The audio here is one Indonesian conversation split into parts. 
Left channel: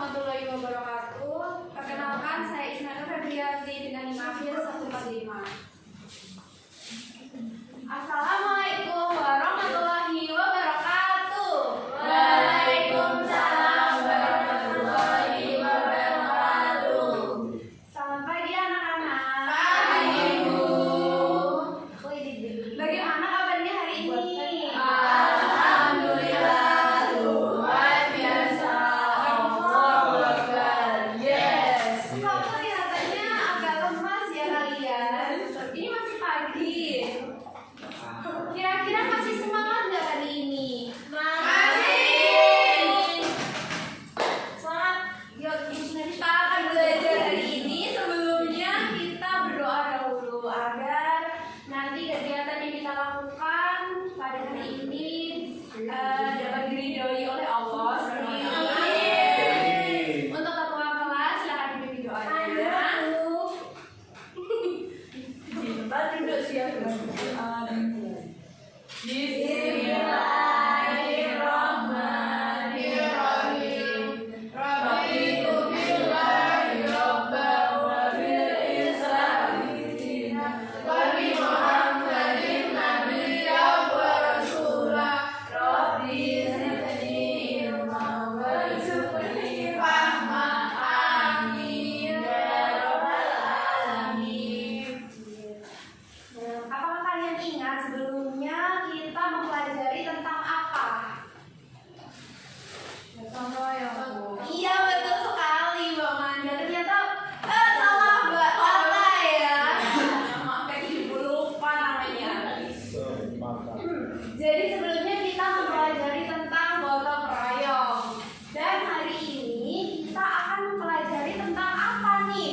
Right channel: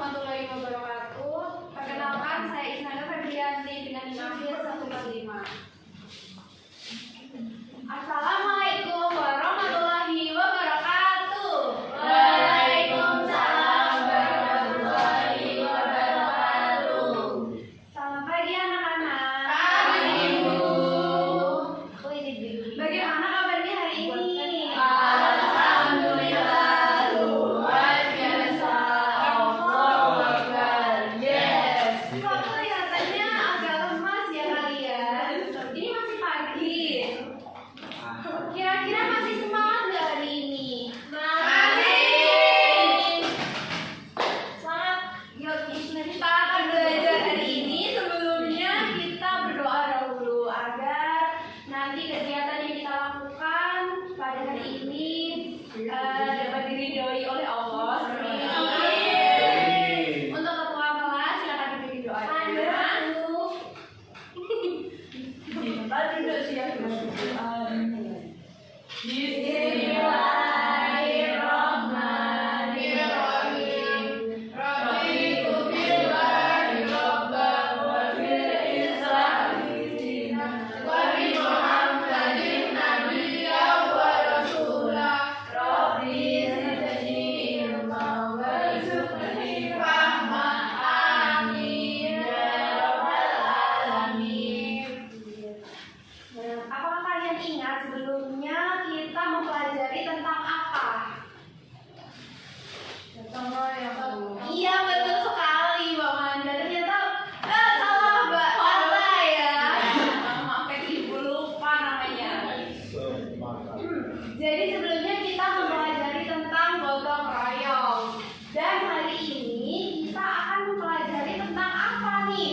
warahmatullahi wabarakatuh. Perkenalkan, saya Isnanda Febrianti dengan NIM 145. Assalamualaikum warahmatullahi wabarakatuh. Waalaikumsalam warahmatullahi wabarakatuh. Selamat pagi anak-anak. Pagi, Bu. Bagaimana kabarnya hari ini? Alhamdulillah, luar biasa. Allahu Akbar. Yes. Kok kelihatannya agak lemas ya kalian? Ini masih pagi. Kira-kira masih semangat nggak hari ini? Masih. Semangat. Yuk, kita akan belajar hari ini. Sebelumnya kita berdoa dahulu agar nanti kegiatan yang kita lakukan pada hari ini dapat diridhoi oleh Allah. Amin. Untuk ketua kelas silakan diberi doanya. Bismillahirrahmanirrahim. Raditu billahi rabban wa bil islami dinan wa bi Muhammadin nabiyyan wa rasulah. Rabbi zidni ilman warzuqni fahman. Amin ya rabbal alamin. Apakah kalian ingat sebelumnya kita mempelajari tentang apa? Iya, betul sekali Mbak Manda. Ternyata salah Mbak Lala ya. Maafkan ibu lupa namanya. Jadi sebelumnya kita mempelajari tentang gotong royong. Dan hari ini kita akan mempelajari tentang apa nih?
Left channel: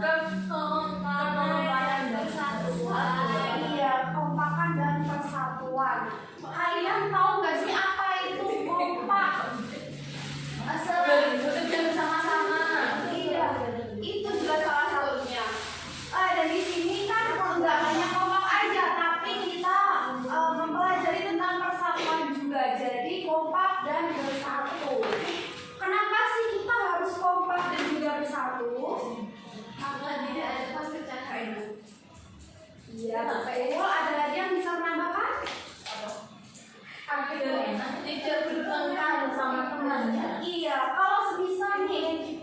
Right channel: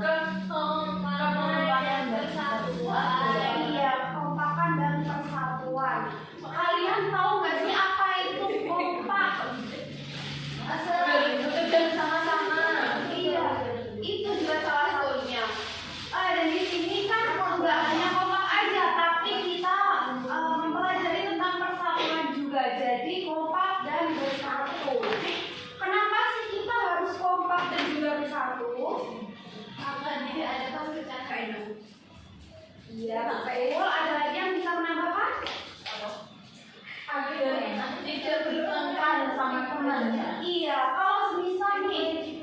Kekompakan dan persatuan. Iya, kekompakan dan persatuan. Kalian tahu nggak sih apa itu kompak? Bekerja bersama-sama. Iya, itu juga salah satunya. Dan di sini kan nggak hanya kompak aja, tapi kita mempelajari tentang persatuan juga. Jadi kompak dan bersatu. Kenapa sih kita harus kompak dan juga bersatu? Maka tidak ada perpecahan. Iya, betul. Ada lagi yang bisa menambahkan? Tidak bertengkar sama temannya. Iya, kalau semisal nih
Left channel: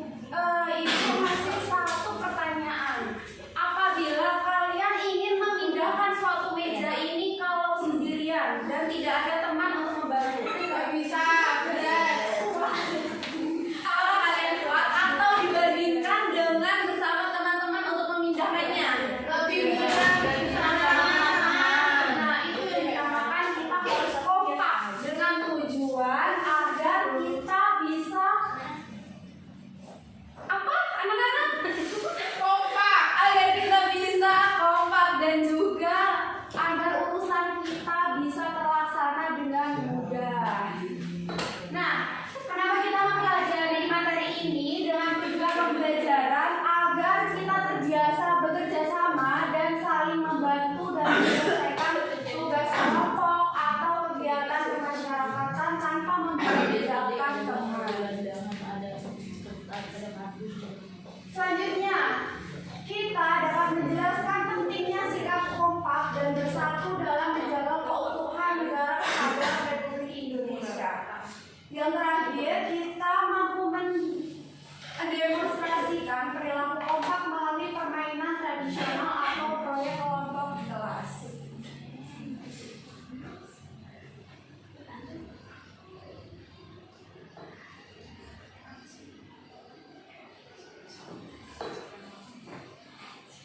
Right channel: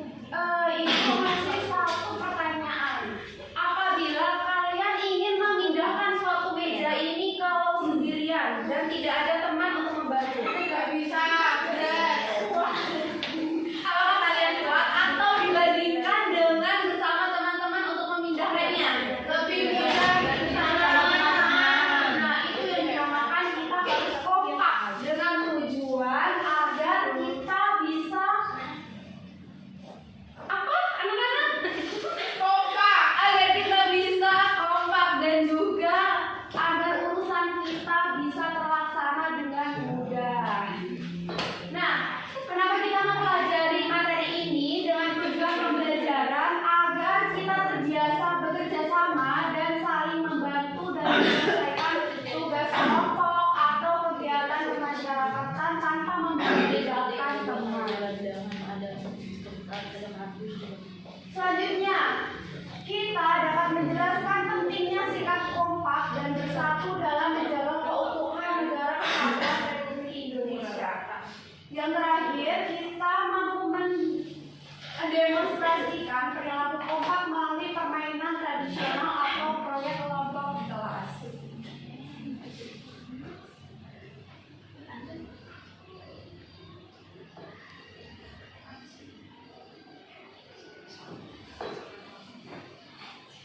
itu masih satu pertanyaan. Apabila kalian ingin memindahkan suatu meja ini kalau sendirian dan tidak ada teman untuk membantu, Tidak bisa. apakah kalian kuat atau dibandingkan dengan bersama teman-teman untuk memindahkannya? Lebih mudah bersama-sama. Nah, itu yang dinamakan kita harus kompak dengan tujuan agar kita bisa apa anak-anak? Kompak. Agar kita bisa kompak dan juga agar urusan kita bisa terlaksana dengan mudah. Nah, kenapa kita mempelajari materi ini dengan tujuan pembelajaran agar kita terbiasa bekerja sama dan saling membantu dalam menyelesaikan tugas kelompok atau kegiatan kemasyarakatan tanpa membedakan teman. Selanjutnya, kita dapat menjelaskan pentingnya sikap kompak dan bersatu dalam menjaga keutuhan negara kesatuan Republik Indonesia. Yang terakhir, kita mampu mendemonstrasikan perilaku kompak melalui permainan tradisional atau proyek kelompok di kelas.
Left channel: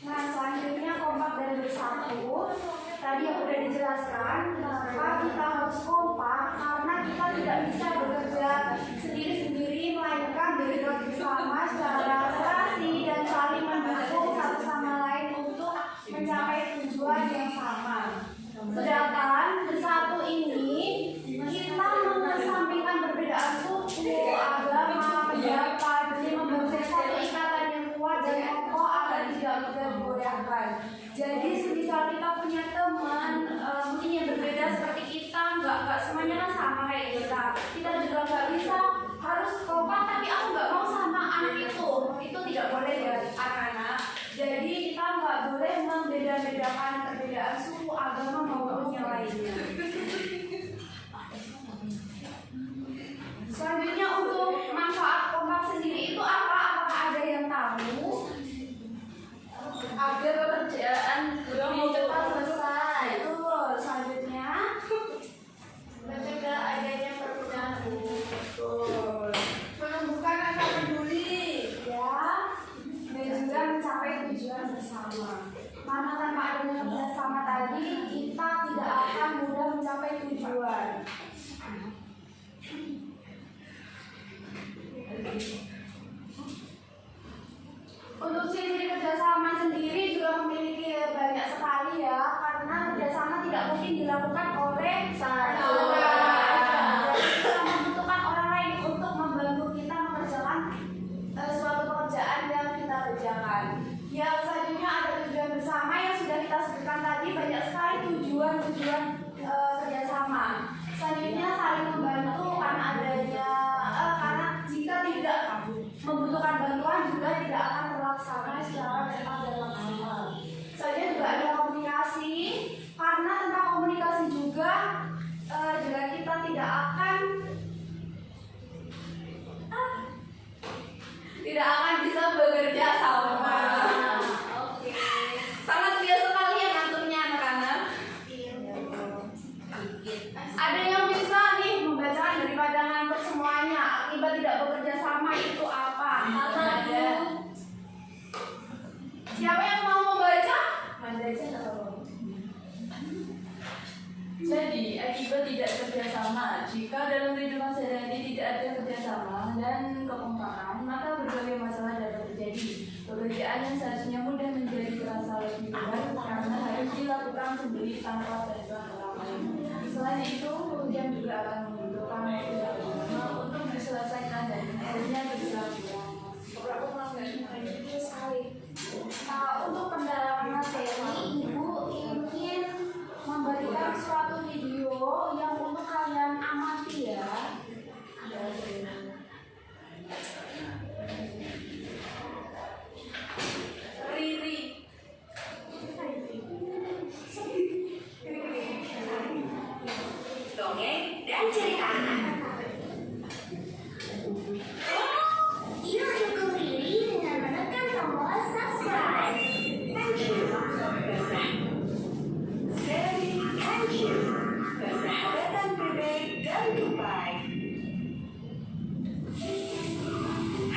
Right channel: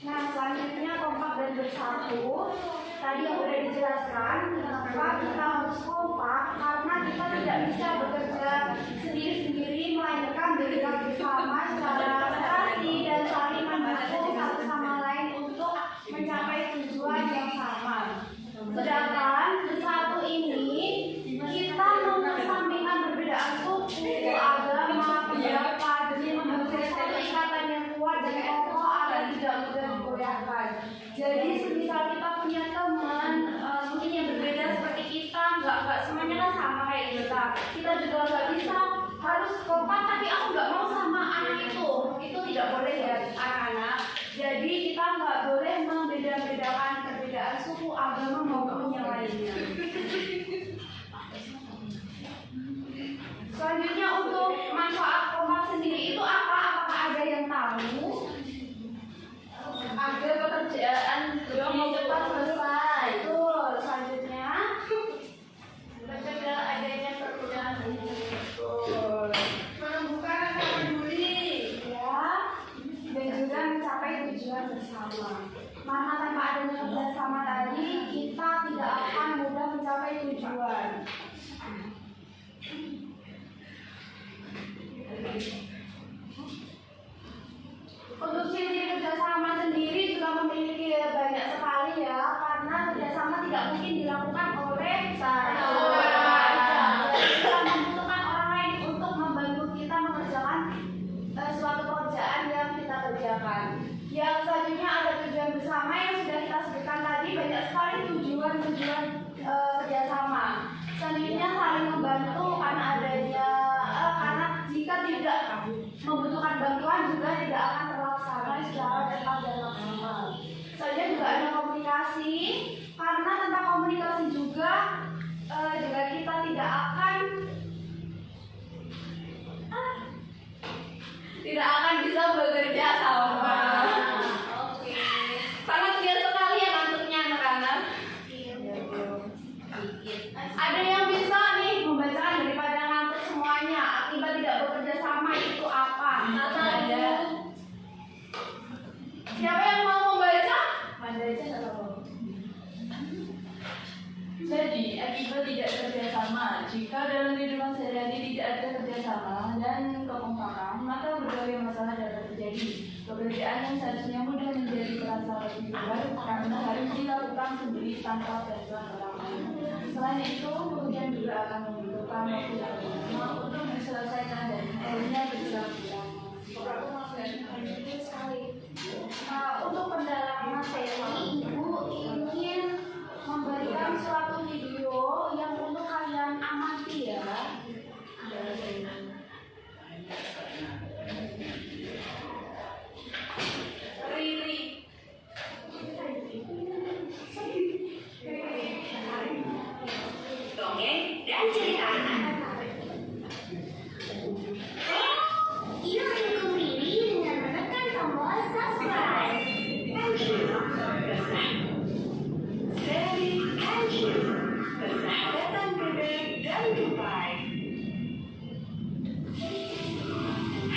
Nah, selanjutnya kompak dan bersatu. Tadi yang udah dijelaskan kenapa kita harus kompak, karena kita tidak bisa bekerja sendiri-sendiri, melainkan bekerja bersama secara serasi dan saling mendukung satu sama lain untuk mencapai tujuan yang sama. Sedangkan bersatu ini kita mengesampingkan perbedaan suku, agama, pendapat demi membentuk satu ikatan yang kuat dan kokoh agar tidak mudah digoyahkan. Jadi semisal kita punya teman mungkin yang berbeda seperti kita, nggak semuanya kan sama kayak kita juga nggak bisa harus kompak tapi aku perbedaan suku, agama maupun yang lainnya. Selanjutnya untuk manfaat kompak sendiri itu apa? Apakah ada yang tahu? Agar pekerjaan lebih cepat selesai. Betul. Selanjutnya Mencegah adanya perpecahan ini. betul. Menumbuhkan rasa peduli. Ya, dan juga mencapai tujuan bersama. Karena tanpa adanya kerjasama tadi, kita tidak akan mudah mencapai tujuan. Untuk ciri kerjasama sendiri juga memiliki banyak sekali ya, karena kerjasama tidak mungkin dilakukan oleh Satu orang. Kita membutuhkan orang lain untuk membantu kita mengerjakan suatu pekerjaan yang kita kerjakan. Yang selanjutnya ada tujuan bersama yang sudah kita sebutkan tadi, banyak sekali tujuan-tujuan kerjasama. Selanjutnya saling membantu karena adanya karena jika tidak membutuhkan bantuan juga tidak akan terlaksana secara cepat dan maksimal. Selanjutnya juga ada komunikasi, karena tanpa komunikasi juga kita tidak akan bisa bekerja sama. Oke. Sangat biasa sekali ya ngantuknya anak-anak. Ada yang bisa nih membacakan daripada ngantuk semuanya. Akibat tidak bekerja sama itu apa? Ada. Siapa yang mau membaca? Ada aja nggak tahu. Jadi, akibat tidak kerjasama, jika dalam kehidupan sehari-hari tidak ada kerjasama dan kekompakan, maka berbagai masalah dapat terjadi. Pekerjaan yang seharusnya mudah menjadi terasa lebih berat karena harus dilakukan sendiri tanpa bantuan orang lain. Selain itu, pekerjaan juga akan membutuhkan waktu yang lama untuk diselesaikan dan akhirnya berjalan Untuk pendalaman materi, Ibu ingin memberikan suatu video yang untuk kalian amati ya. Riri. Dongeng dan cerita anak. Yuk dukung Riri dengan menekan tombol subscribe. Thank you. Seri Thank you. Persahabatan bebek dan tupai.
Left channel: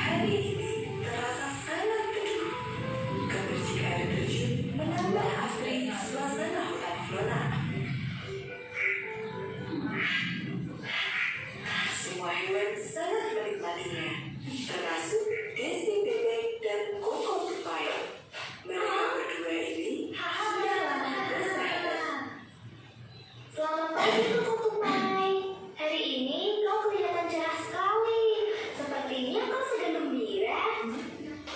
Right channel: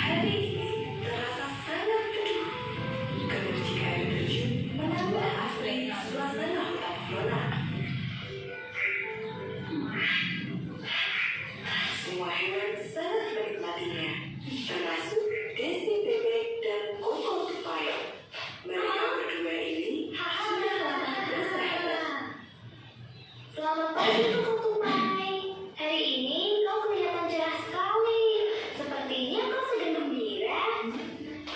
Hari ini terasa sangat teduh. Kebersihan air terjun menambah asri suasana hutan flora. Semua hewan sangat menikmatinya, termasuk Desi bebek dan Koko tupai. Mereka berdua ini sudah lama bersahabat. Selamat pagi, Koko tupai. Hari ini kau kelihatan cerah sekali. Sepertinya kau sedang gembira.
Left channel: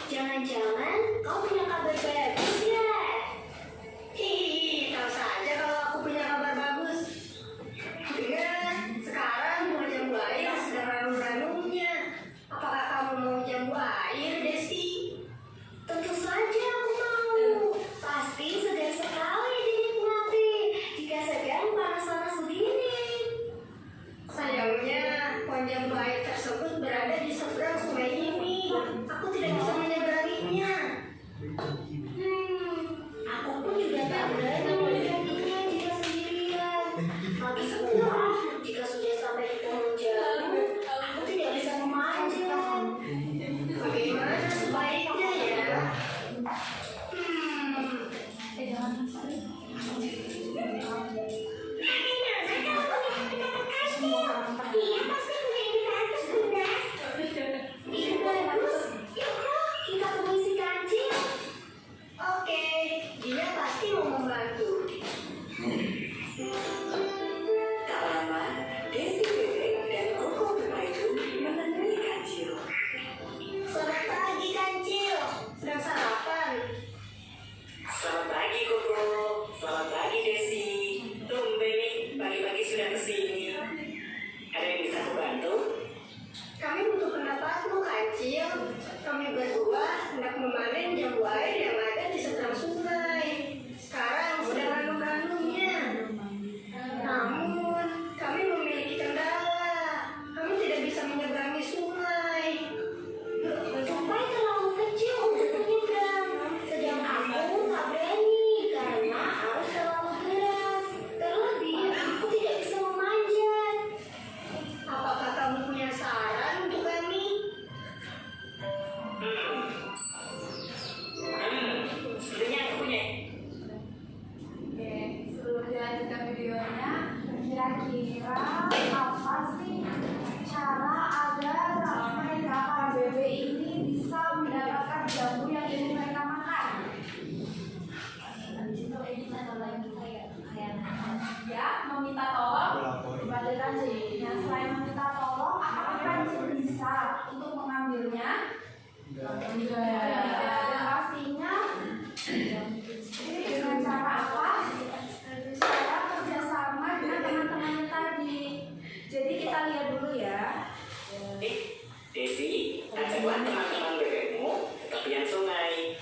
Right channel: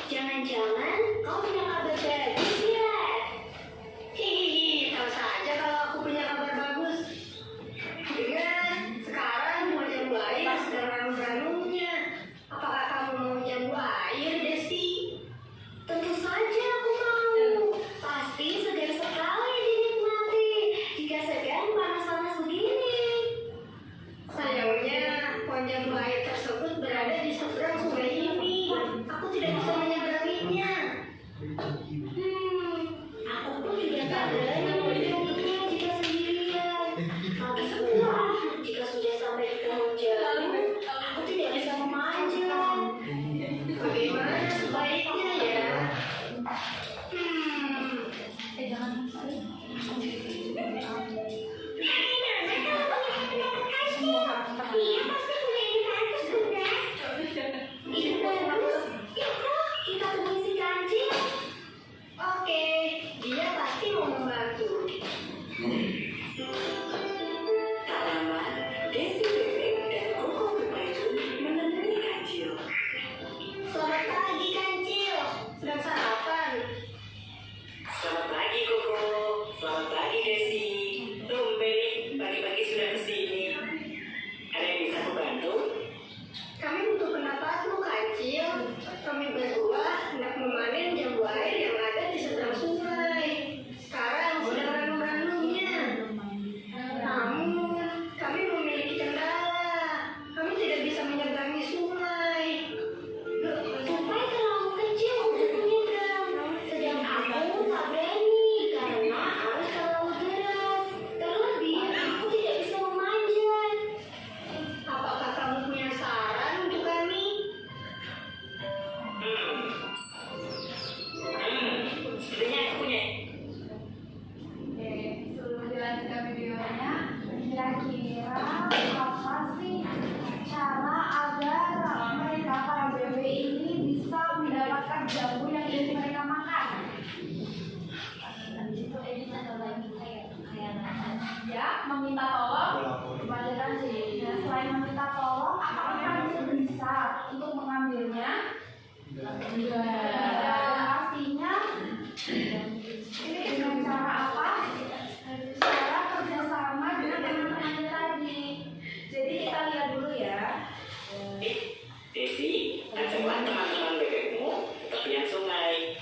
Jangan-jangan kau punya kabar bagus ya? Tahu saja kalau aku punya kabar bagus. Dengan sekarang mau jambu air sedang ranum-ranumnya. Apakah kamu mau jambu air, Desti? Tentu saja aku mau. Pasti segar sekali dinikmati jika sedang panas-panas begini. Sayangnya pohon jambu air tersebut berada di seberang sungai ini. Aku tidak bisa menyeberanginya. Aku pun juga tak berani menyeberanginya jika sendirian. Lagi pula, jika sudah sampai di pohon jambu, aku tidak bisa memanjat. Bagaimana sebaiknya ya? Dan pastinya ini dengan cara apa? Cara kerjasama dengan teman-temannya tadi. Jadi kita lihat dulu ya. Desi, ajaklah teman-teman bebekmu ke tepian sungai.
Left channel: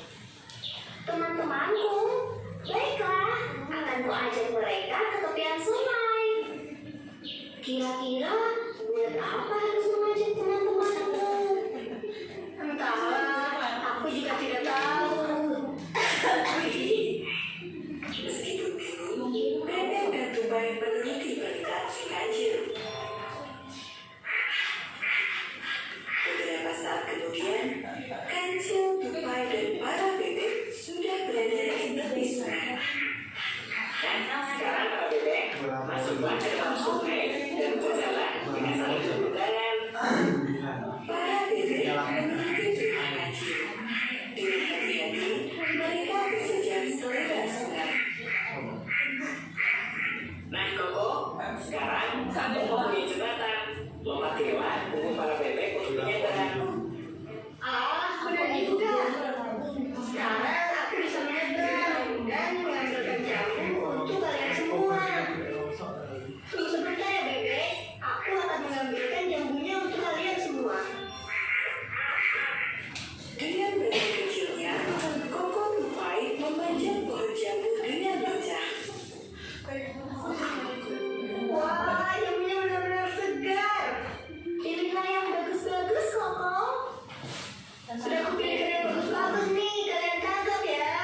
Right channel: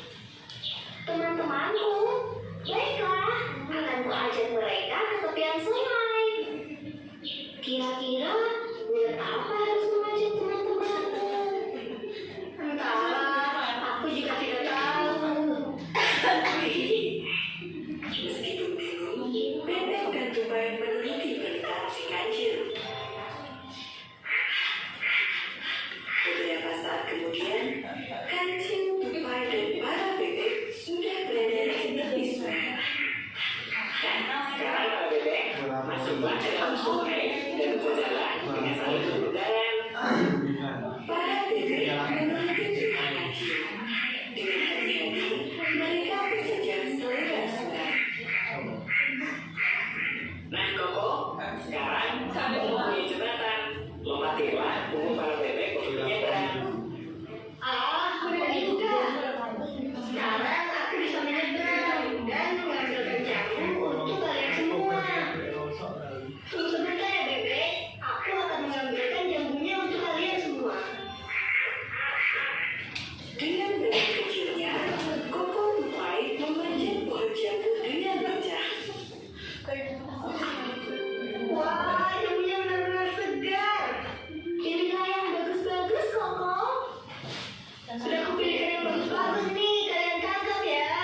Teman-temanku, baiklah, akan ku ajak mereka ke tepian sungai. Kira-kira buat apa harus mengajak teman-temanku? Entahlah, aku juga tidak tahu. Meskipun bingung, Bebek dan Tupai meneliti perintah si kancil. Beberapa saat kemudian, kancil, Tupai, dan para bebek sudah berada di tepi sungai. Dan sekarang para bebek masuklah ke dalam sungai dan berjalan dengan saling berpegangan. Para bebek meneliti perintah kancil. Dengan hati-hati, mereka berjalan selebar sungai. Nah, Koko, sekarang kamu mempunyai jembatan. Lompatilah, tunggu para bebek untuk menyeberang. Benar juga. Sekarang aku bisa menyeberang dan mengambilkan jamu untuk kalian semua. Tunggu sebentar ya, Bebek. Aku akan mengambilkan jamunya untuk kalian semua. Dengan bebek kecilnya, Koko Tupai memanjat pohon jambu dengan bijak. Wah, jamunya benar-benar segar. Pilihlah yang bagus-bagus, Koko. Sudah kupilihkan yang bagus-bagus nih, kalian tangkap ya.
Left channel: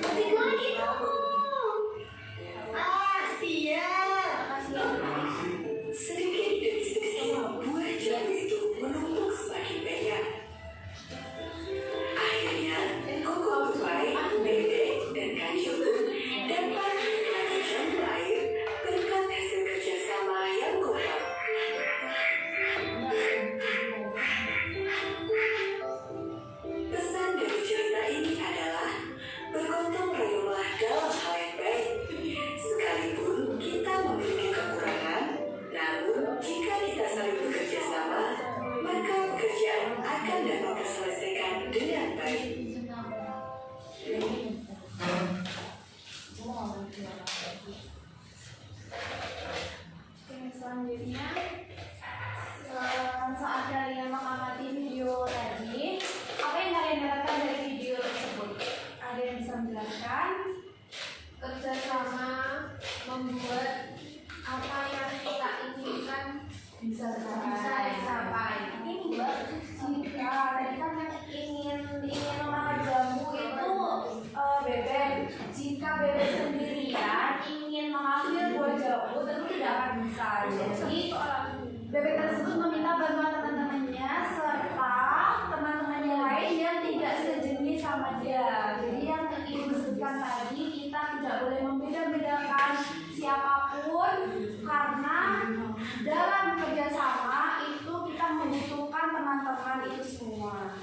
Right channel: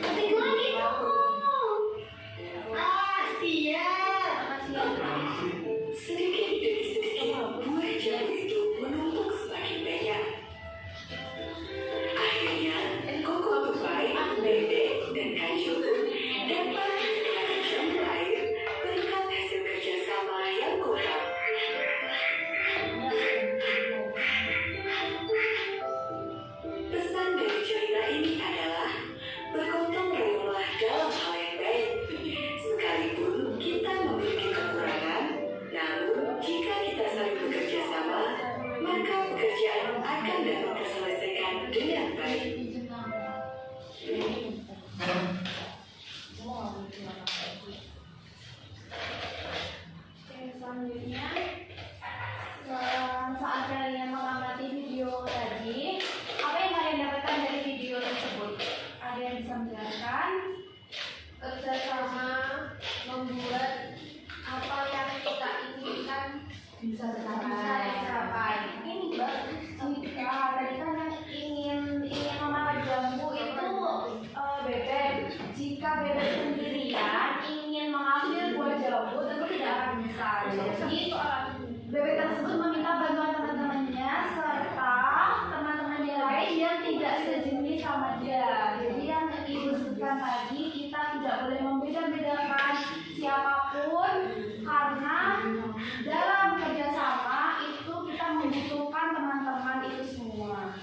Ketik lagi, Koko. Siap. Sedikit demi sedikit, buah jambu itu menumpuk semakin banyak. Akhirnya, Koko Tupai, Bebek, dan Kancil dapat menikmati jambu air berkat hasil kerjasama yang kompak. Pesan dari cerita ini adalah bergotong royonglah dalam hal yang baik. Sekalipun kita memiliki kekurangan, namun jika kita saling bekerja sama, maka pekerjaan akan dapat terselesaikan dengan baik. Oke, selanjutnya saat kalian mengamati video tadi, apa yang kalian dapatkan dari video tersebut? Ada yang bisa menjelaskan? Kerjasama membuat apa yang kita inginkan Bisa tercapai. Ini Mbak, jika tadi kan yang ingin memakan jambu itu bebek. Jika bebek sendirian ingin mengambil buah jambu tentu tidak akan bisa. Jadi bebek tersebut meminta bantuan teman-temannya serta teman-temannya lain yang tidak sejenis sama dia. Jadi yang ingin disebutkan tadi, kita tidak boleh membeda-bedakan siapapun karena dalam kerjasama itu kita membutuhkan teman-teman itu semua.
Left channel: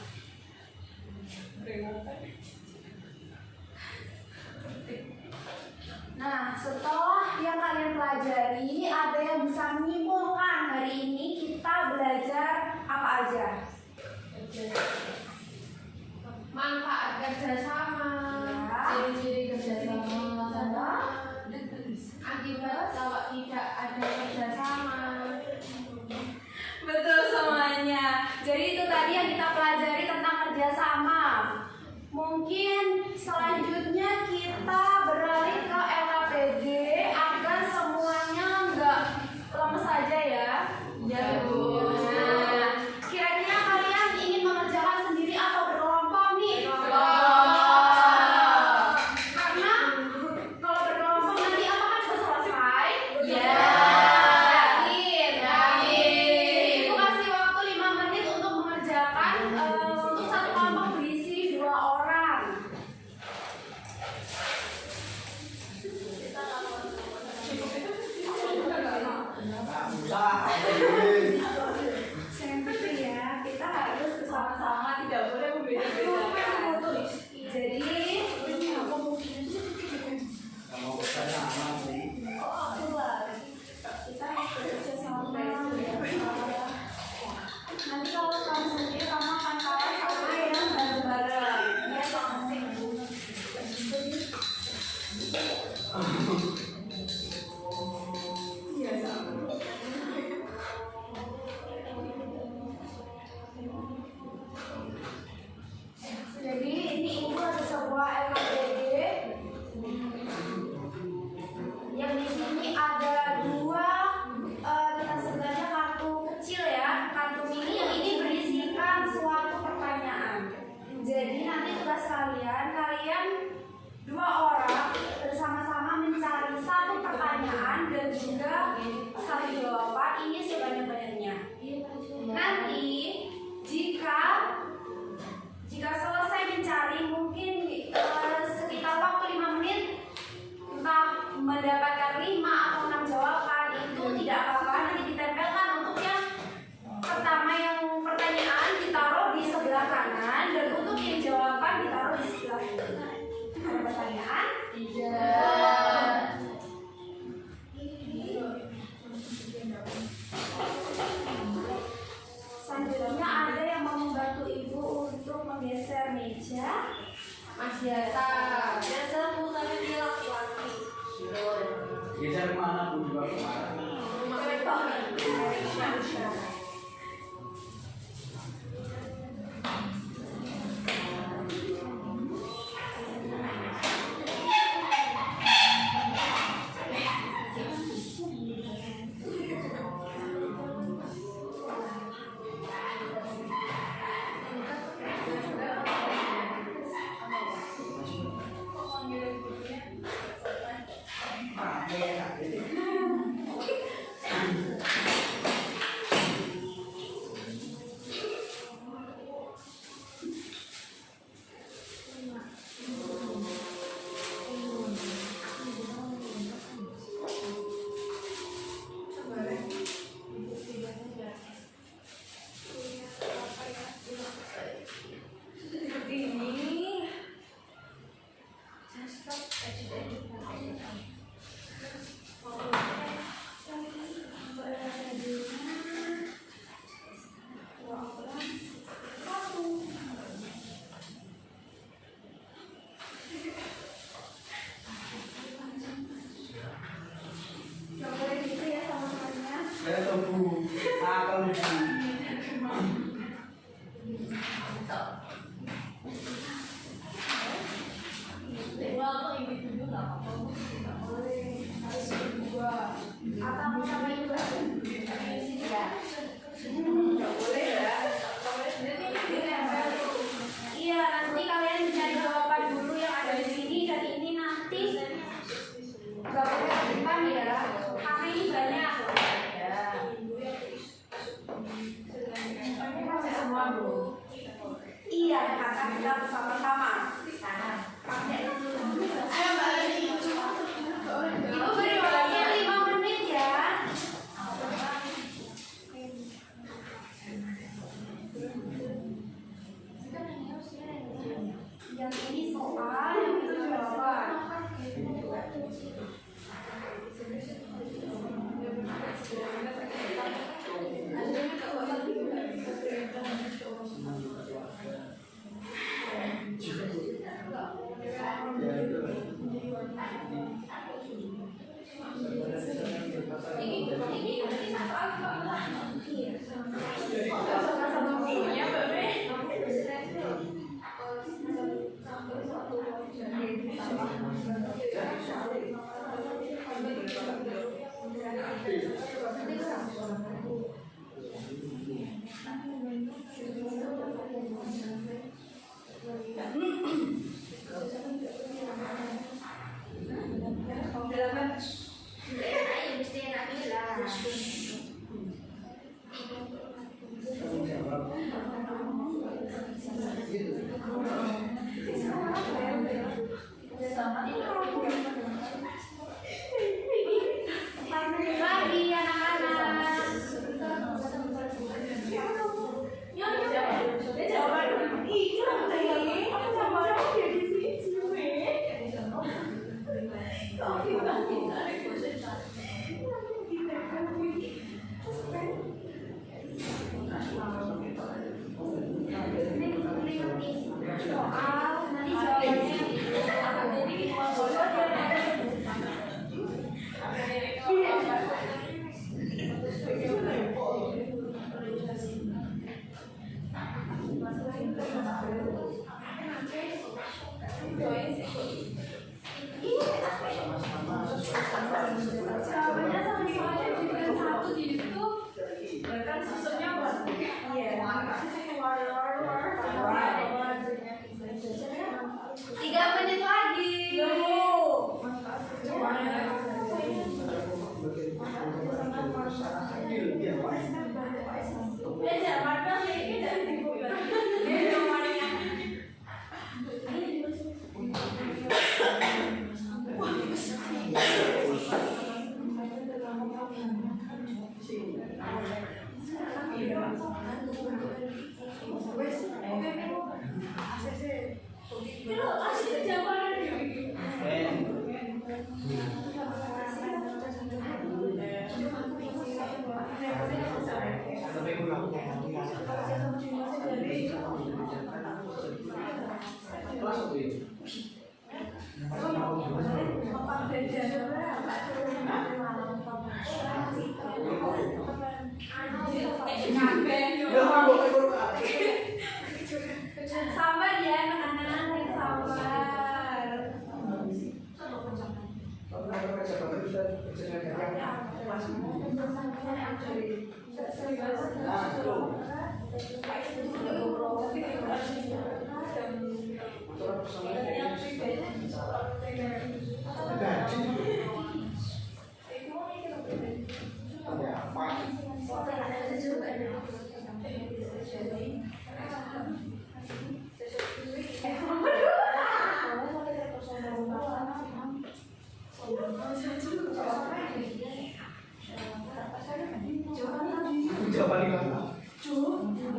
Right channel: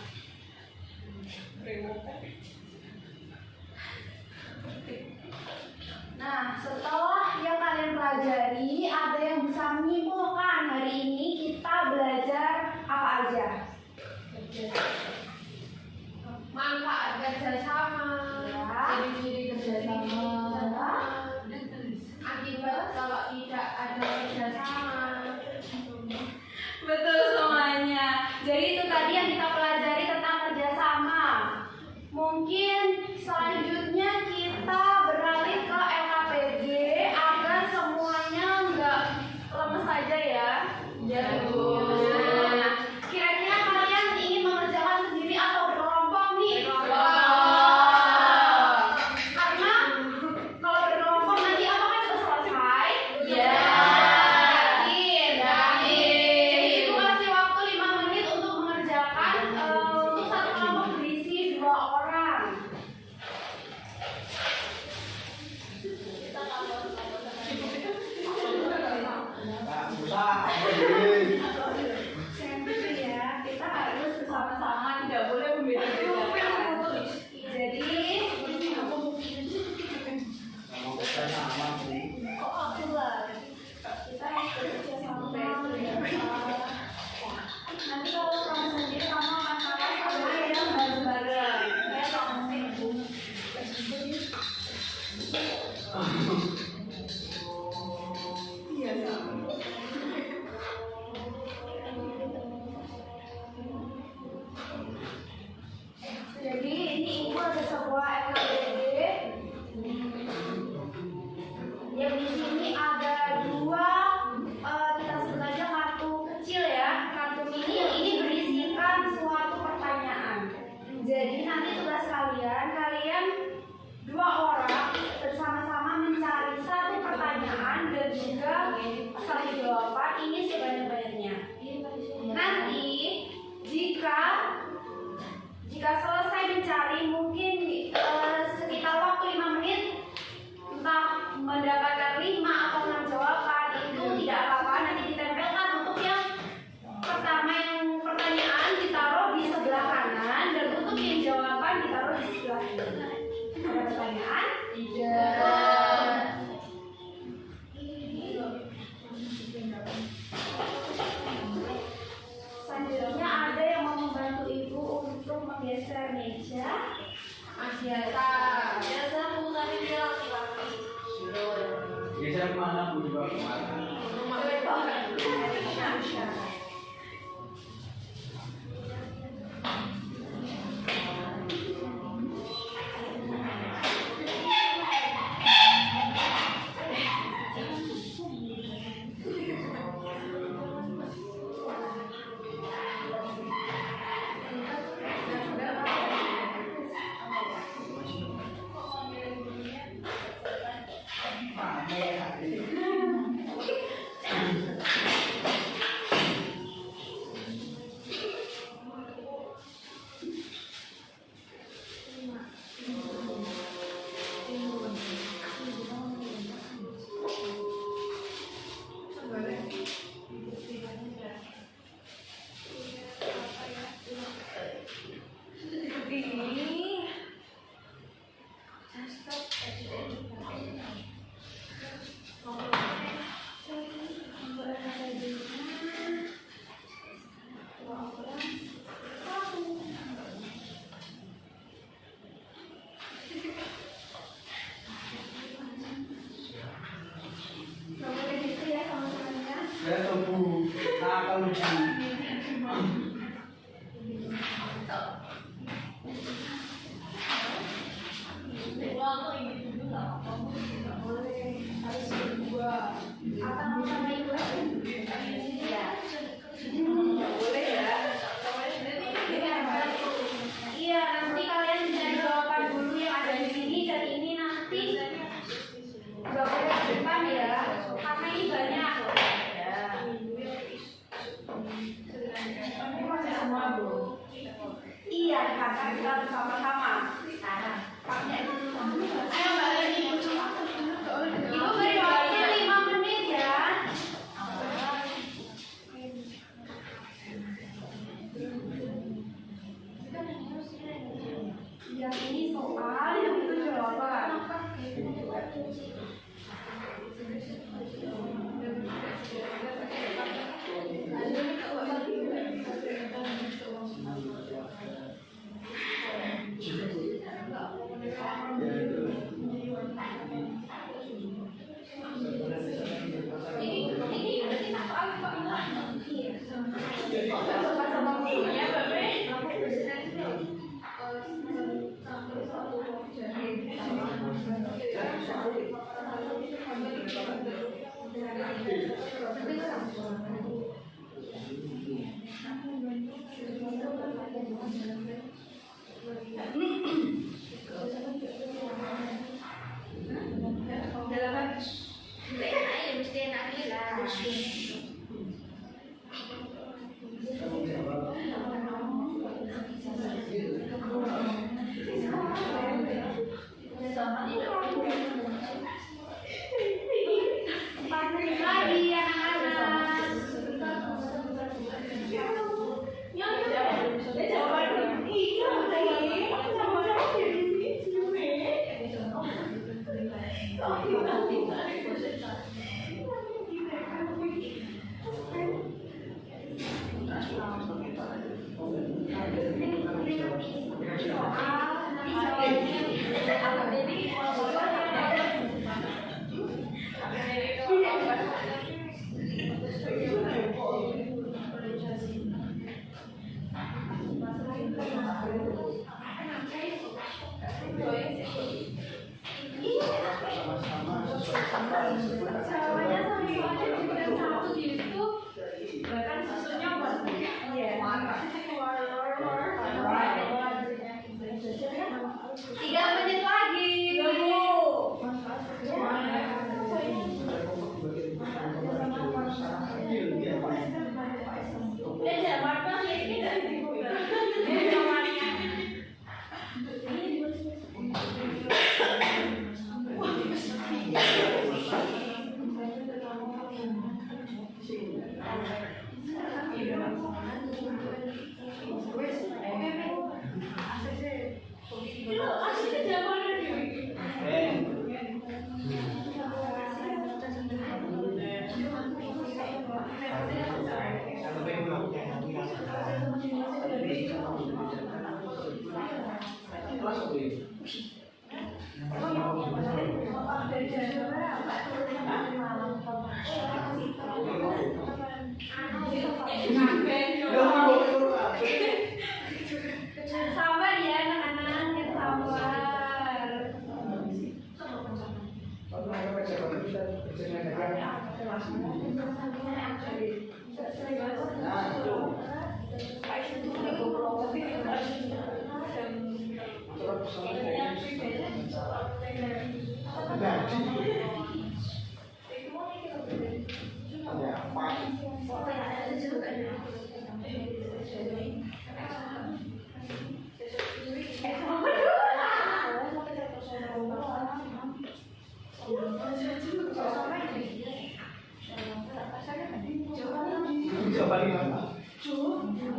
Nah, setelah yang kalian pelajari, ada yang bisa menyimpulkan hari ini kita belajar apa aja? manfaat kerjasama, Ciri-ciri kerjasama. akibat kalau tidak ada kerjasama. Betul semuanya. Jadi itu tadi yang kita pelajari tentang kerjasama. Mungkin selanjutnya kita beralih ke LKPD agar semuanya nggak lemes aja ya. Ya, Bu. Nah, kira-kira kalian ingin mengerjakan sendiri atau berkelompok nih? Karena kalau berkelompok nanti apakah cepat selesai? Ya. Itu kasih waktu 5 menit untuk mengerjakan untuk satu kelompok berisi 2 orang. Jadi ini ibu ada sebuah LKPD yang di sini ada dua kita sebut aja kartu kecil ya. Kartu ini berisikan suatu pertanyaan. Jadi nanti tugas kalian dua orang bersama-sama mencari satu pertanyaan dan juga satu jawaban ini sebanyak-banyaknya. Nanti jika selesai mencari mungkin sekitar waktu 5 menit entah mendapatkan 5 atau 6 jawaban itu tidak apa-apa, nanti ditempelkan untuk yang pertama yang pertanyaan ditaruh di sebelah kanan dan untuk yang jawaban ditaruh di sebelah kiri. Ada pertanyaan? Tidak. Selanjutnya ada yang mau membantu ibu untuk menggeser meja. Mas Yasa. Yasa bukannya dia laki-laki. Geser kemana pun juga kemana. Atau sama ibu ya? Boleh ya? Iya, nanti kalian cari jawaban dulu yang ada di sini dan ini nanti nggak boleh ke depan ya, karena ini banyak. Semua Bu. Iya, kata kita bersama-sama. Pakai dulu. Ayo Mbak Leni. Ibu beri waktunya 5 menit ya. Yang ini soal, yang itu jawaban. Soal, nanti jawabannya. Jadi, Sabar ya anak-anak, yang sabar.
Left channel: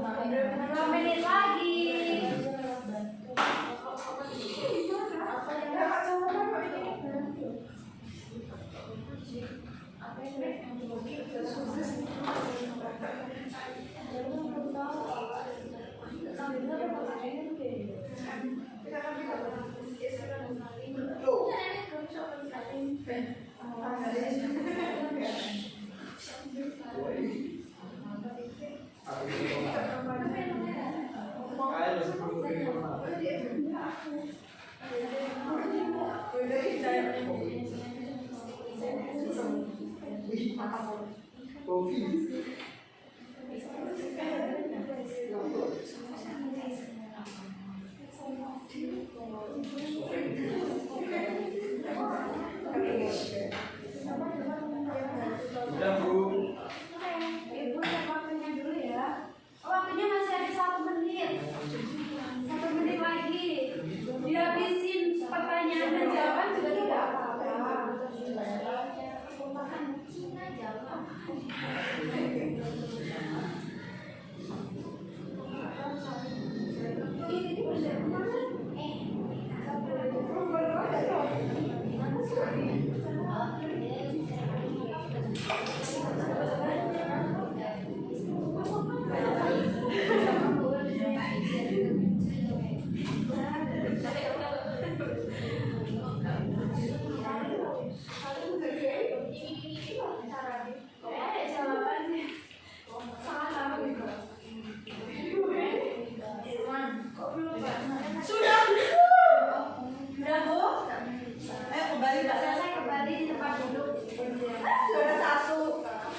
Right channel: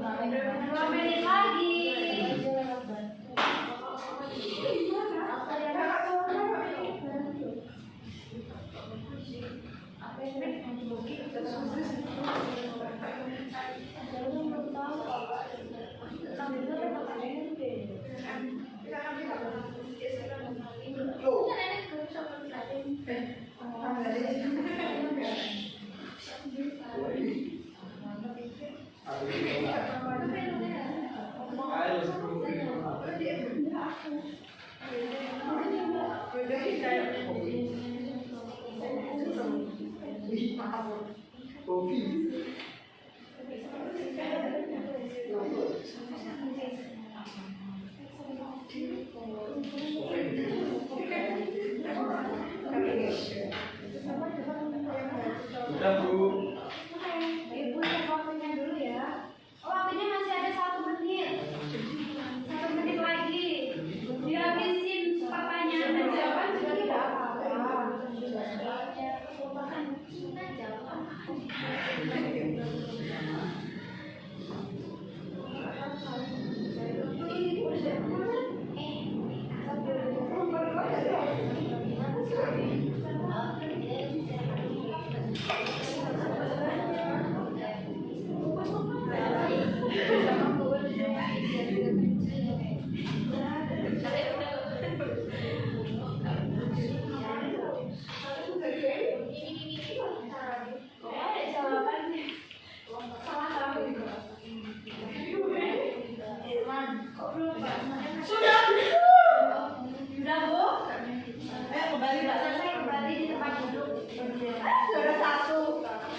Berapa menit lagi? Udah Bu. Ibu cek waktunya dulu ya. Waktunya masih ada 1 menit. 1 menit lagi. Dihabisin pertanyaan dan jawaban juga tidak apa-apa.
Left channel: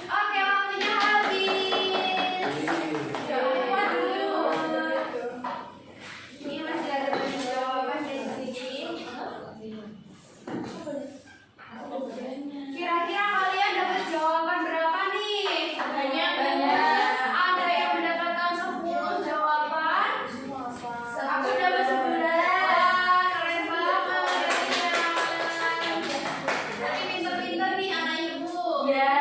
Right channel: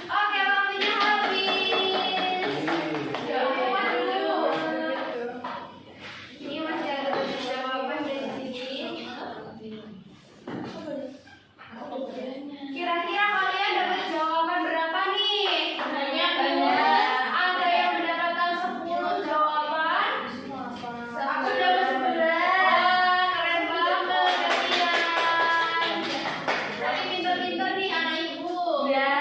Oke, waktunya habis. Jawaban dulu. Ini masih ada banyak jawaban dari sini. Kira-kira kalian dapat jawaban berapa nih? Banyak. Ada yang mendapatkan 10 jawaban. Aku dapat 11. Keren banget kalian. Berarti pintar-pintar nih anak ibu. Ya.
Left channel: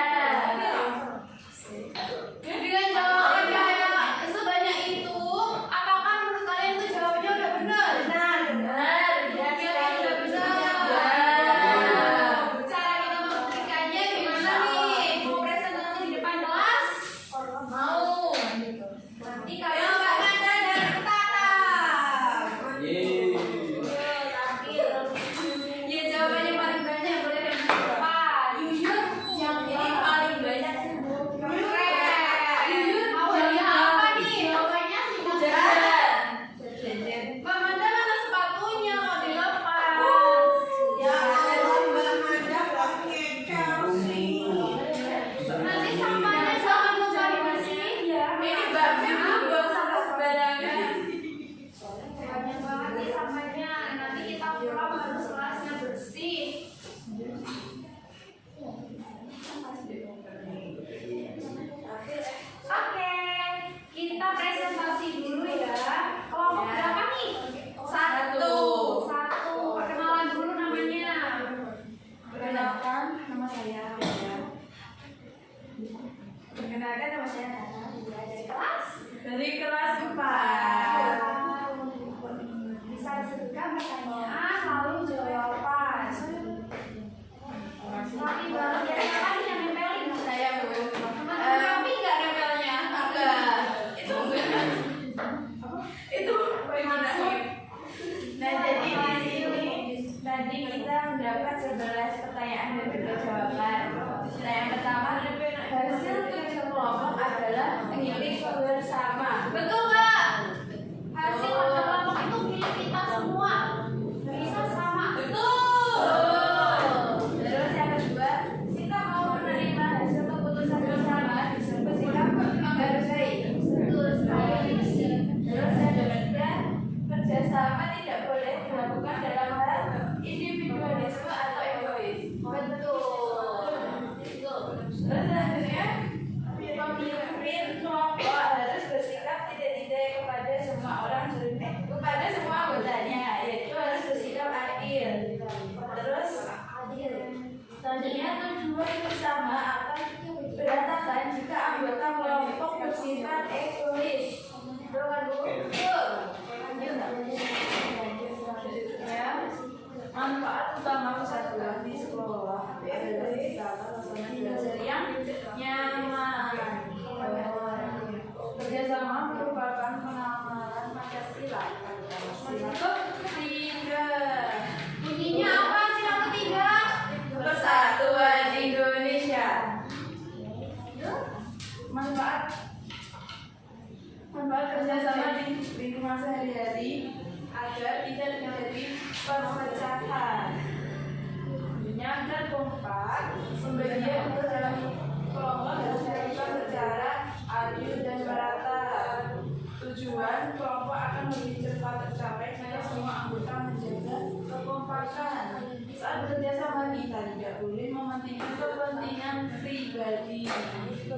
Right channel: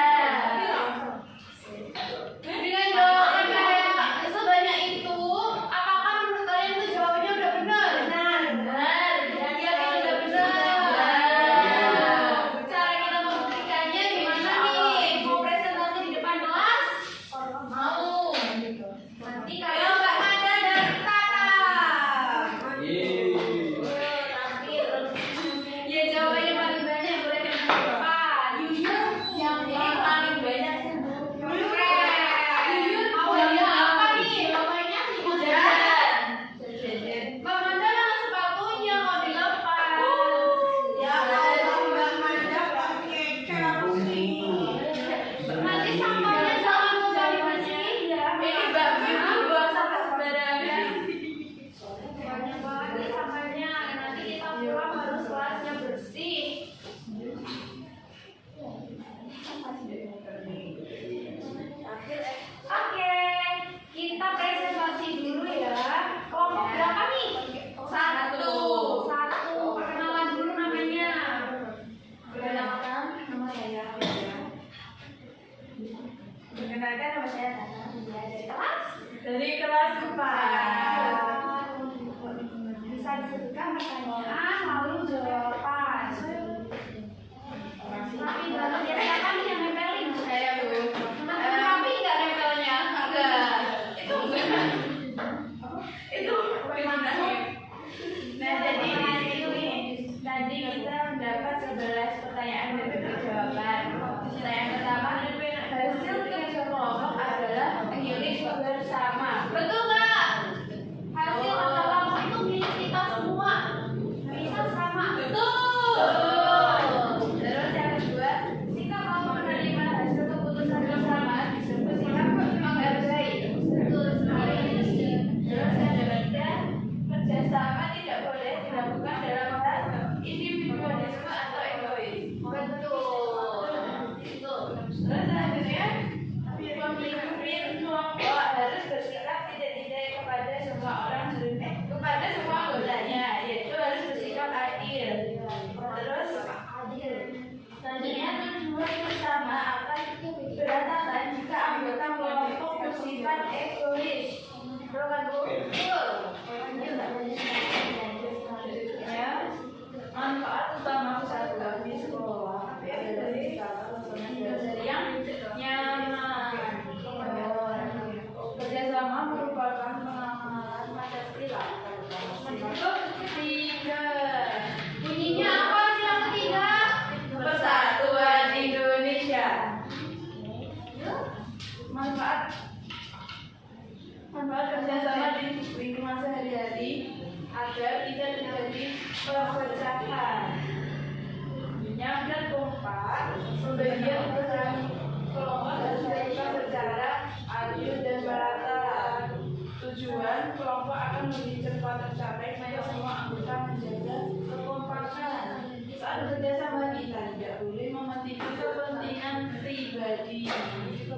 milik bersama. Betul nggak? Hasil kerja kelompok itu milik kita semua. Bisa sama. Betul. Terus yang kedua, sikap mau menerima hasil keputusan bersama disebut sikap menghargai. Betul sekali. Terus yang ketiga, kerjasama tidak boleh dilakukan dalam hal individualisme atau egois. Betul. Terus selanjutnya, pemimpin kelompok harus bersikap tidak kepada semua orang, kepada semua anggotanya, yaitu harus bersikap adil. Terus selanjutnya, tujuan bersama akan berantakan jika anggota kelompok bersifat egois. Betul kan, Bu? Betul. Selanjutnya, manfaat utama persatuan di sekolah adalah belajar yang nyaman. Kerjasama merupakan pengamalan Pancasila. Ketiga, Bunyinya apa sih yang ketiga? Persatuan Indonesia. Manfaat kerjasama di lingkungan sehari-hari agar tidak terjadi perpecahan. Menjaga kompak, pembagian peran kelompok harus dilakukan secara adil dan merata. Tujuan kelompok akan lebih cepat tercapai jika semua anggota menjaga kekompakan. Saat bekerja sama kita tidak boleh mementingkan kepentingan pribadi.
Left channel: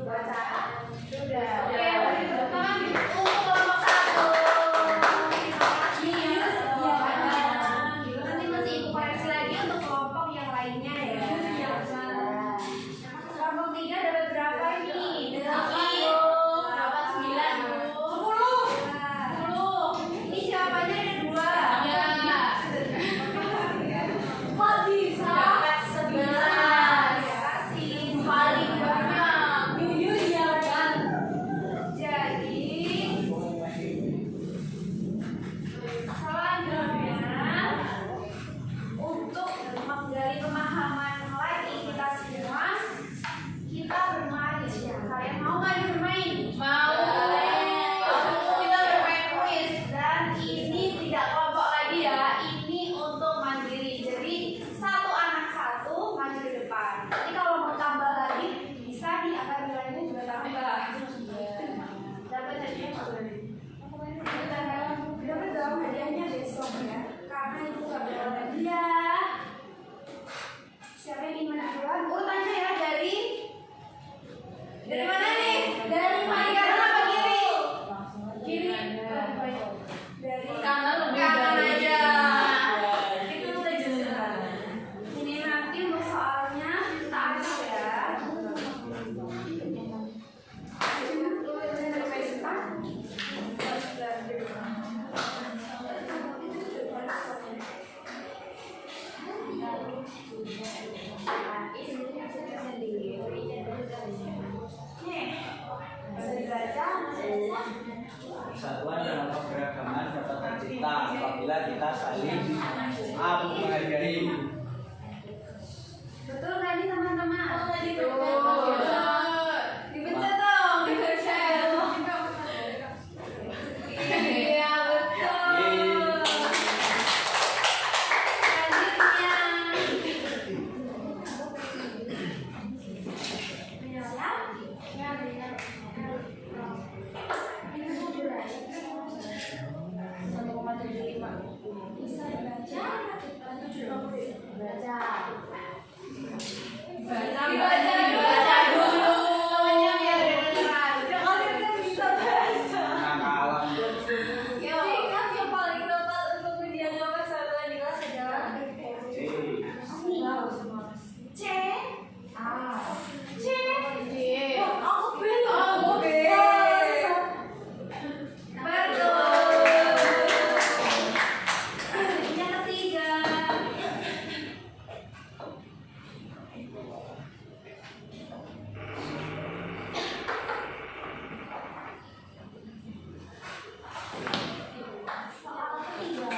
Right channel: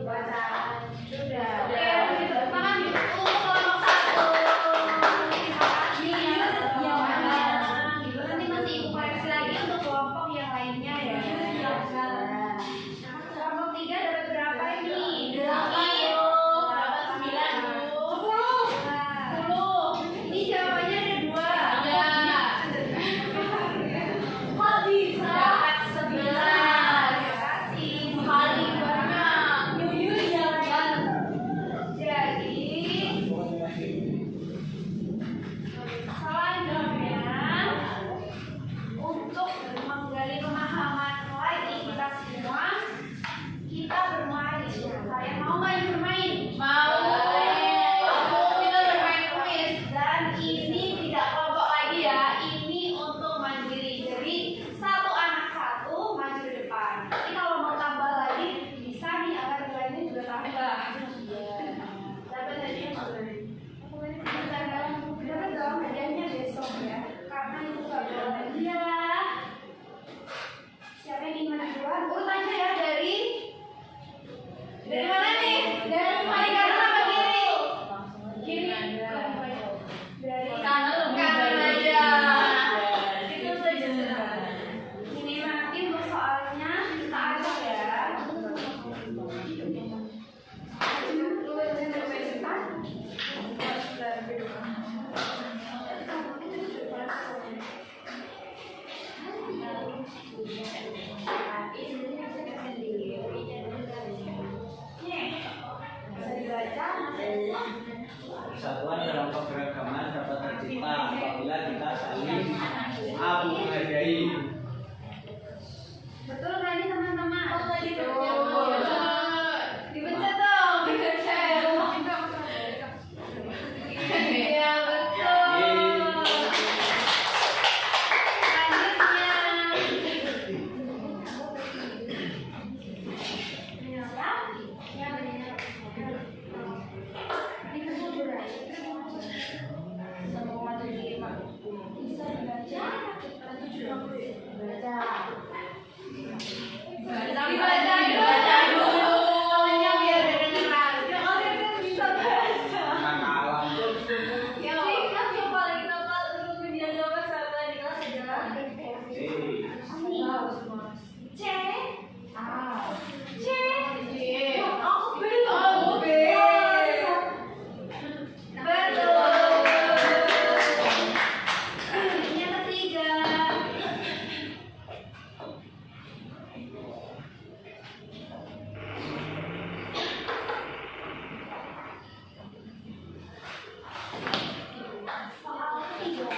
Bacaan sudah. Oke, depan untuk kelompok 1. Nanti masih koreksi lagi untuk kelompok yang lainnya ya. Kelompok 3 dapat berapa ini? 10. Ini jawabannya ada 2. Kok bisa? Dapat 11. Kasih paling banyak. Yuyun ya kan. Jadi selanjutnya untuk menggali pemahaman lagi kita semua, kita bermain. Kalian mau nggak bermain? Mau. Kita bermain kuis dan ini tidak kelompok lagi ya. Ini untuk mandiri. Jadi satu anak satu maju ke depan. Jadi kalau mau tambah lagi bisa nih, akan nilainya juga tambah. Dapat hadiah nggak boleh? Dapat dong hadiahnya besok ya. Karena itu nggak boleh hadiah. Siapa yang ingin duluan? Urutannya ya dari mana nih? Dari paling kanan apa kiri? Kiri. Dari Kanan lebih kanan dari aja. kiri. Itu lebih sederhana. Ini nanti untuk soalnya kita atur ya. Persatuan dalam keberagaman dapat tercipta apabila kita saling menghargai. Betul nggak ini teman-teman? Dipencet dong, dipencet. Iya betul. Dibaca dulu. Yang biar kedengeran. Kalian kan bisa baca. Anak alam. Singkat yang paling tepat untuk menjaga persatuan di kelas adalah C. C. Aku B. Oh, B. Betul. Yang ketiga. Soal ketiga.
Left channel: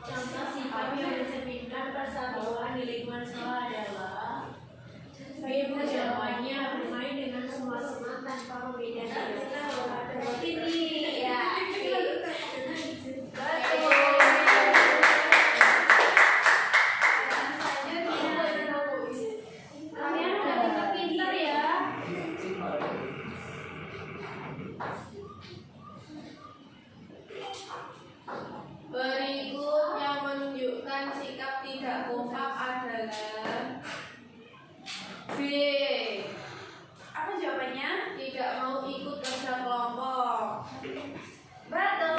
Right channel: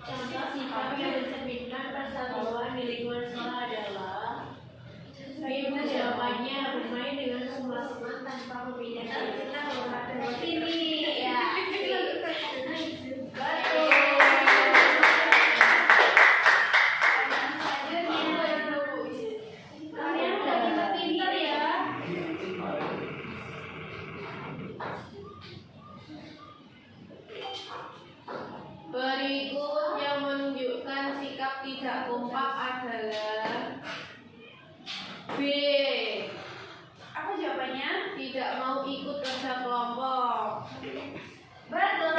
Contoh sikap yang mencerminkan persatuan di lingkungan sekolah adalah ibu jawabannya bermain dengan semua teman tanpa membedakan. buat ini ya. Kalian udah pinter-pinter ya. Berikut yang menunjukkan sikap tidak kompak adalah B. Apa jawabannya? Tidak mau ikut kerja kelompok. Betul.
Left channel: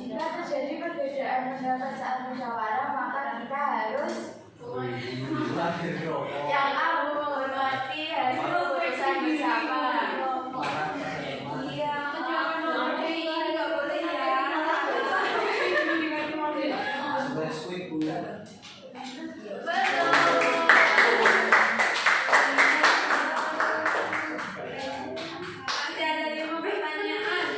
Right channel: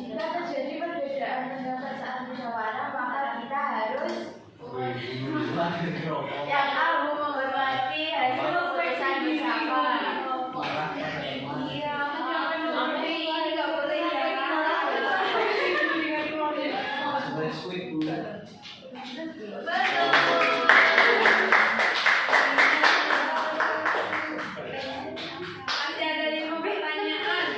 Jika terjadi perbedaan pendapat saat musyawarah, maka kita harus yang A menghormati hasil keputusan bersama. Iya, menghormati nggak boleh ya. Masih ada 5 pertanyaan.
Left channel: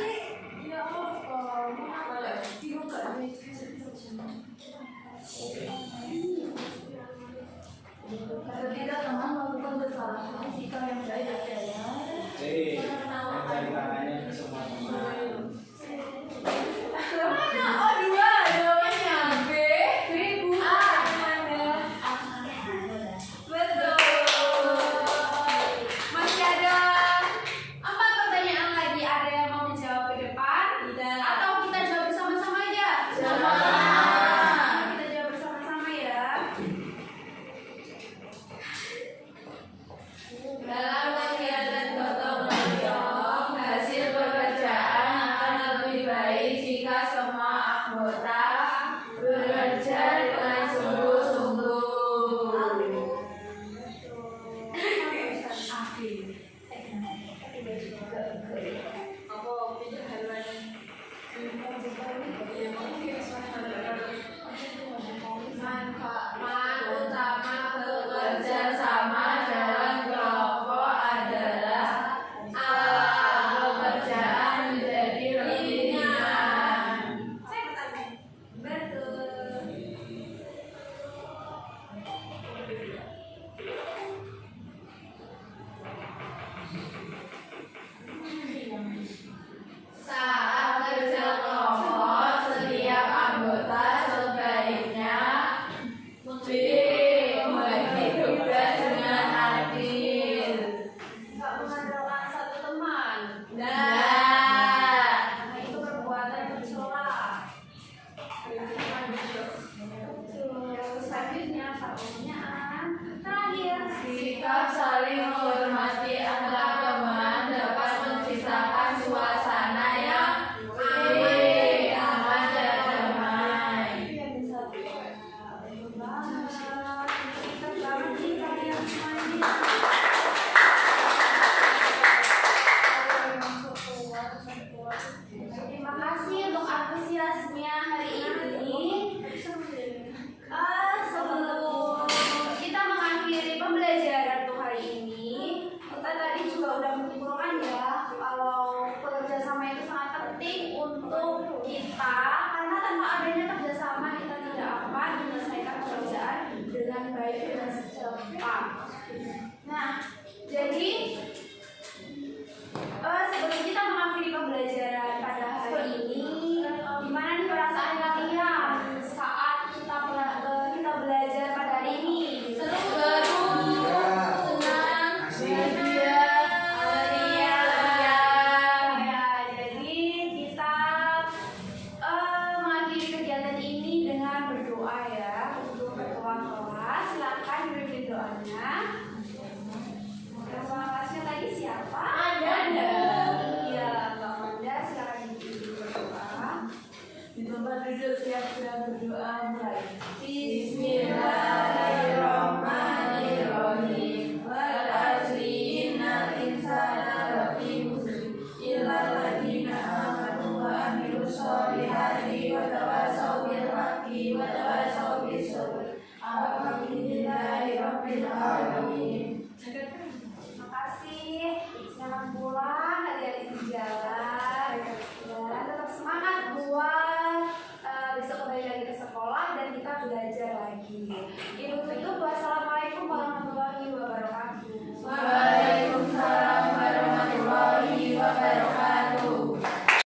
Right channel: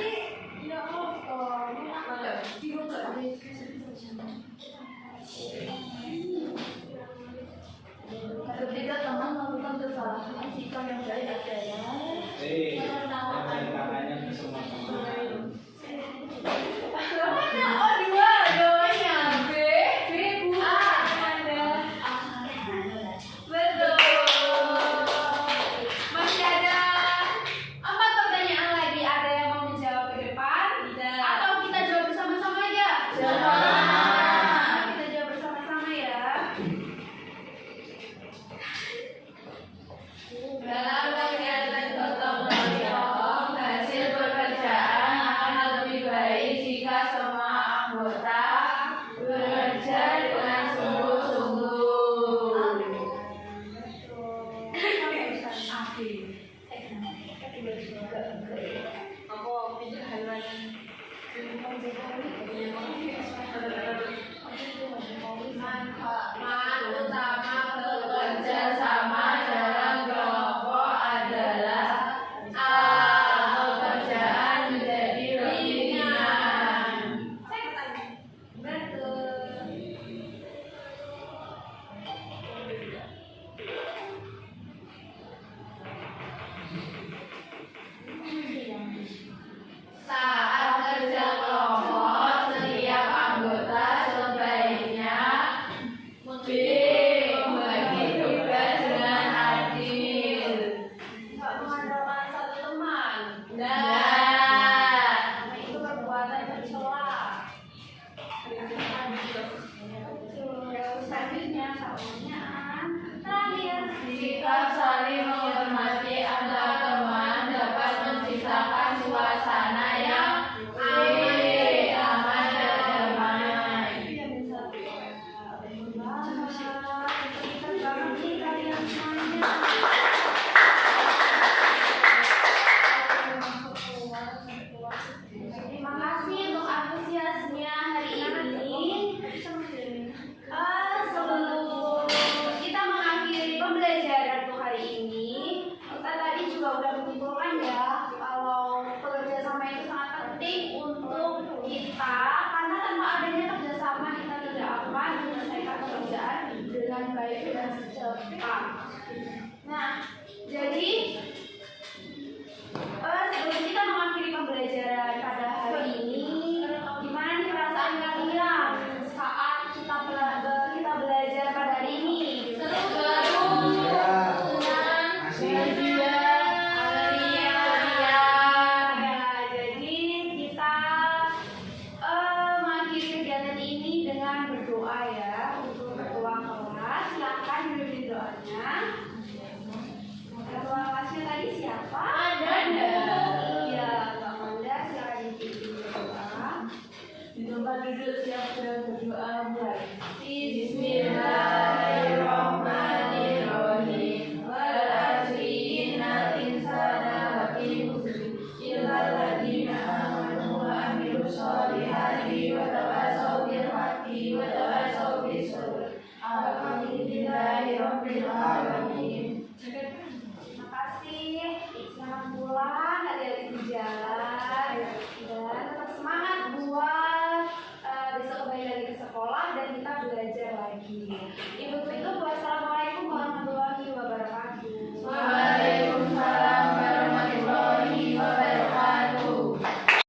Ketika teman melakukan kesalahan, sikap yang baik adalah Tangannya ke semua teman. oh dua jawabannya B, A, Anda. Betul. Masih ada 4 pertanyaan lagi. Ada yang mau dijawab ke depan? Tidak. Atau kita jawab bersama-sama aja? Sama. Kita jawab bersama-sama ya. Dalam kegiatan gotong royong, hasil pekerjaan akan lebih baik jika semua anggota bekerja dengan sungguh-sungguh. Manfaat utama bekerja sama dalam kelompok adalah A. Pekerjaan menjadi lebih ringan. Saat kerja kelompok, setiap anggota sebaiknya B. Membagi tugas dengan adil. Nggak mengandalkan satu teman. Nah, Itu perbuatan tercela. Selanjutnya pertanyaan terakhir. sikap saling menghormati antar teman dapat menciptakan suasana yang aman dan damai. Terima kasih untuk antusiasnya hari ini. Sebelum kita mengakhiri pembelajaran untuk hari ini, kita tadi juga udah menyimpulkan ya kalau kerjasama itu sangat penting untuk kita, karena tanpa adanya kerjasama kita tidak akan menyelesaikan pekerjaan dengan baik dan cepat. Nah, jadi sebelum kita mengakhiri pembelajaran pada hari ini, gimana nih perasaan kalian saat kita belajar pada hari ini? Seru, senang, Asik. bahagia, Ya, jadi kita mengakhiri kegiatan ini dengan berdoa ya untuk ketua kelas. Silakan dipimpin doanya. Ketua kelasnya tadi siapa? Anda. Iya, Mbak Manda, silakan dipimpin doa. Di tempat duduk siap sedang berdoa mulai. Bismillahirrahmanirrahim. Wal asri innal insana lafi khusr illal ladzina amanu wa amilus solihati wa tawassaw bil haqqi wa tawassaw bis sabr. Alhamdulillahi rabbil alamin. Terima kasih. Selamat pulang, hati-hati di jalan dan tetap semangat lagi. Ibu tutup puasa